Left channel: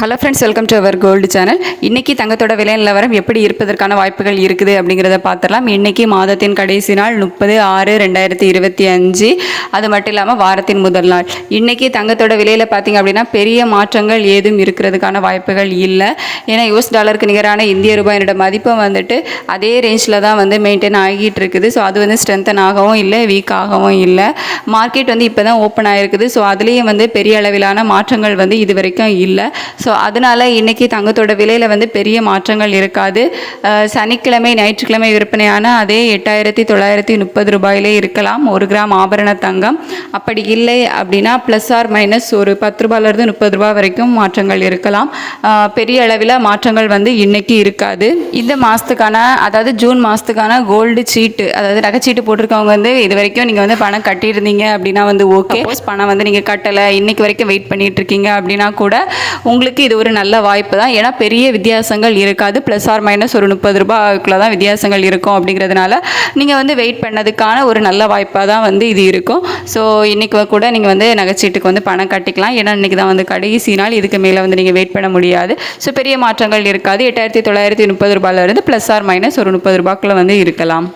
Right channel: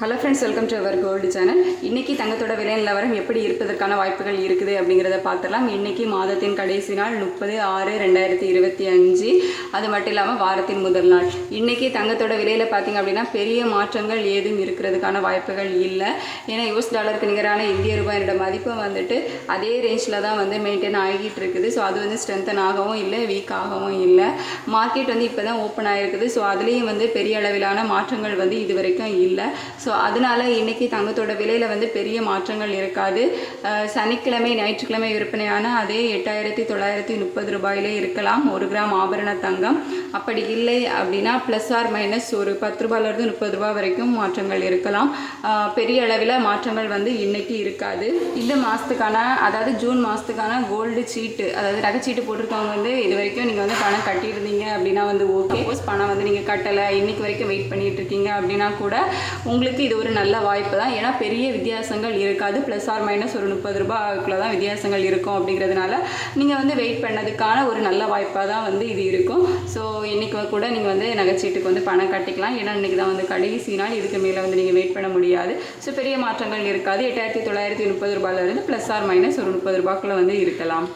Hello friends welcome to our gold channel இன்னைக்கு தங்கத்தோட விலை நிலவரம் எப்படி இருப்பதற்கான வாய்ப்புகள் இருக்குது அப்படிங்கிறத பார்த்துடலாம். இன்றைக்கி மாதத்தின் கடைசி நாள் முப்பது ஆறு ரெண்டாயிரத்தி இருபத்தி அஞ்சு. அது மட்டும் இல்லாமல் வாரத்தின் முதல் நாள். இன்றைக்கி தங்கத்தோட விலையில் பார்த்தீங்க அப்படின்னா பெரிய மாற்றங்கள் ஏதும் இருக்கிறதுக்கான வாய்ப்புகள் இல்லை. ஏன்னா யூஎஸ் டாலருக்கு நிகரான இந்திய ரூபாயினோட மதிப்பு வந்துட்டு அதே ரேஞ்சில் தான் வந்து மெயின்டைன் ஆகிட்டு இருக்குது. ஸோ அது வந்து ஸ்ட்ரென்தன் ஆகவும் இல்லை வீக் ஆகவும் இல்லை. மார்க்கெட் வந்து இப்போ தான் ஓப்பன் ஆகிருக்குது ஸோ அதுலேயும் வந்து பெரிய அளவிலான மாற்றங்கள் வந்து இது வரைக்கும் இல்லை. ஸோ அதனால் இன்றைக்கி தங்கத்தோட விலையில் வந்து பெரிய மாற்றங்கள் இருக்காது. சனிக்கிழமை ஞாயிற்றுக்கிழமை விற்பனையான அதே எட்டாயிரத்தி தொள்ளாயிரத்தி முப்பது ரூபாயிலே இருக்கலாம். ஒரு கிராம் ஆபரண தங்கம். அப்படி இல்லை அப்படின்னா ப்ளஸ் ஆர் மைனஸ் ஒரு பத்து ரூபாயிலேருந்து முப்பது ரூபா வரைக்கும் மாற்றங்கள் இருக்கலாம். பெரிய அளவில் மாற்றங்கள் வந்து இன்னைக்கு இருக்காது. இந்த மாதத்துக்கான அதாவது ஜூன் மாதத்துக்கான கோல்டு சீட்டு அதாவது நகைச்சீட்டு போட்டிருக்கவங்க வந்து இது வரைக்கும் நீங்கள் வந்து பணம் கட்டியிருந்தீங்க அப்படின்னா வந்து ஓகே பணம் வந்து நீங்கள் கட்டலை. இன்னைக்கு வரைக்கும் வெயிட் பண்ணிட்டு இருக்கீங்க அப்படின்னா கூட உங்களுக்கு இது ஒரு நல்ல வாய்ப்பு தான். ஏன்னா பெரிய வித்தியாசங்கள் இருக்காது. ப்ளஸ் ஆர் மைனஸ் ஒரு முப்பது ரூபாய்க்குள்ள தான் வித்தியாசங்கள் இருக்கும் அப்படிங்கிறதுனால நீங்கள் வந்து வெயிட் பண்ணதுக்கான ஒரு நல்ல வாய்ப்பாக தான் வந்து இது இருக்கும். ஸோ இன்றைக்கி கூட நீங்கள் வந்து நகைச்சீட்டுக்கு வந்து பணம் கட்டிக்கலாம். ஏன்னா இன்றைக்கி தான் வந்து கடைசி நாள். இதுக்கு மேலே வந்து நீங்கள் வெயிட் பண்ண முடியாது. ஸோ பெரிய மாற்றங்கள் இருக்காது. எட்டாயிரத்தி தொள்ளாயிரத்தி முப்பது ரூபாயிலிருந்து ப்ளஸ் ஆர் மைனஸ் ஒரு முப்பது ரூபாய்க்குள்ள வந்து இருக்கலாம்.